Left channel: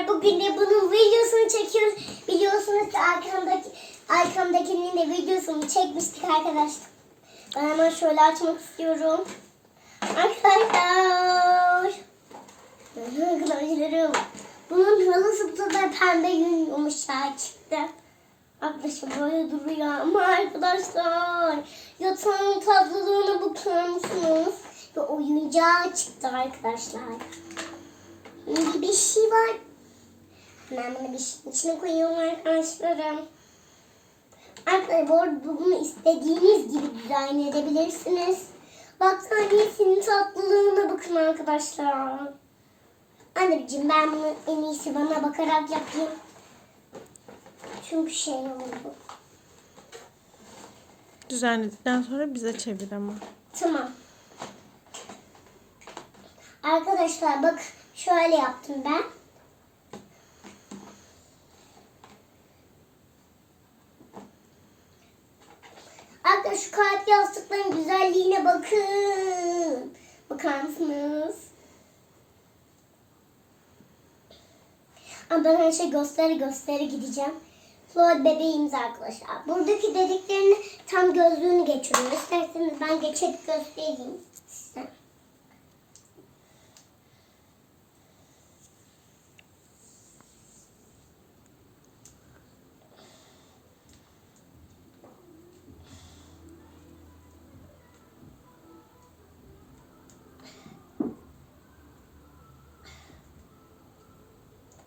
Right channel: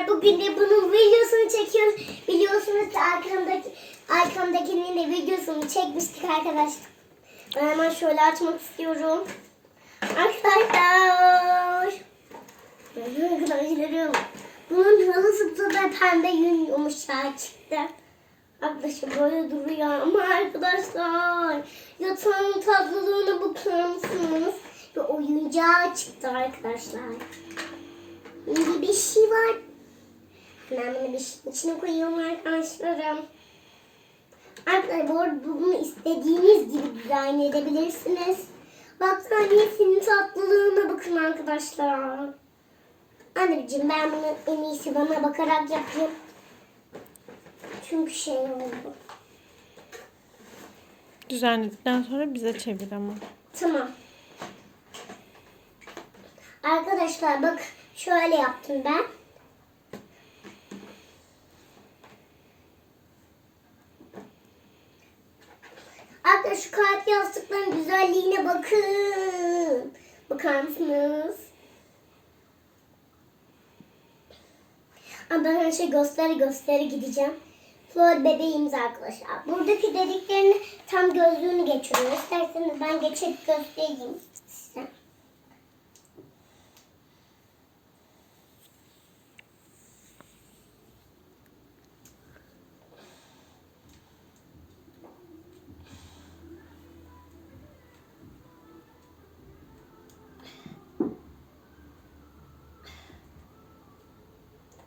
arkadaşlar bugün de bunun videosunu çekiyoruz. Biliyorsunuz ki arkamdaki arkamdakinin de videosunu çekmiştik arkadaşlar. Ben hemen şöyle açmak istiyorum. Arkadaşlar. Arkadaşlarım. Bunun halısı da pembe yün yumuşak çıktı. Arkadaşlar böyle duruyor ama arkadaşlar yatağın tatlılığına bakar mısınız? Ve oyuncağı çıktı arkadaşlar. Bir şey var. Ben bunu bir şeyin içine koyuyorum arkadaşlarım. Arkadaşlar bu arada bunu istediğiniz gibi dizayn edebilirsiniz. Battaniyesinin tatlılığına bakın arkadaşlar. Anneciğim ben bunu en iyisi bana bakarak yapayım. Çünkü şey oldu. Düzenledikten sonra bize çevir ama. Tamam. Arkadaşlar bak şöyle yaptım ben. Arkadaşlar şu kalp yastıkların güzelliğine bakın. Bakar mısınız? Ama ben her şey gösteri gösteri gideceğim. Flor bebeğimiz arkadaşlar. Buradaki dediklerini tam gözlüğünü geçiriyor. İsterseniz ben geçirip göstereyim size.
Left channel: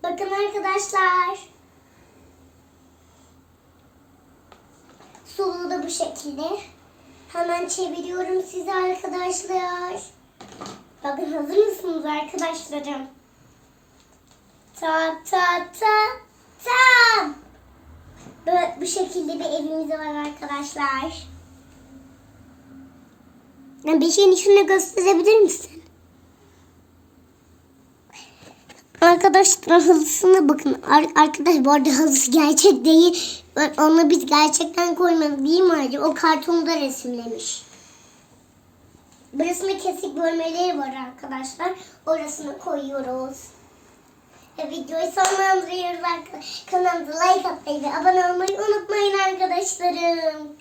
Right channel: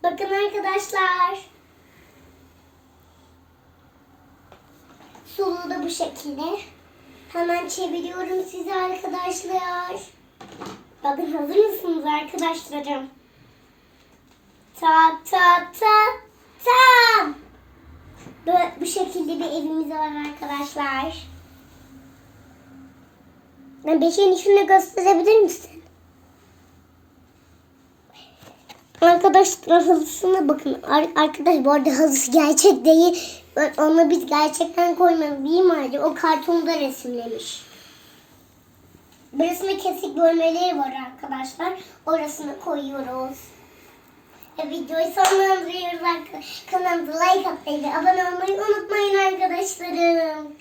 Bakın arkadaşlar. Solu da bu şekilde. Hemen çeviriyorum size arkadaşlar. Bakın hazır mısınız arkadaşlarım? Ta ta ta tam. Böyle bu şekilde bir evimiz var arkadaşlar. Şeyin içini gösterebilir misin? Arkadaşlar halısına bakın. Ar- arkadaş bu arada halısı gerçek değil. Bak, Onu biz gerçekten koymadık değil mi Ali? O kartonda resimlemiş. Burasında kesik bölmeleri var arkadaşlar. Orasına koyuyoruz. Ve videoyu sonlandırıyoruz arkadaşlar. Kanalımıza like atmayı ve abone olmayı unutmayın arkadaşlarım.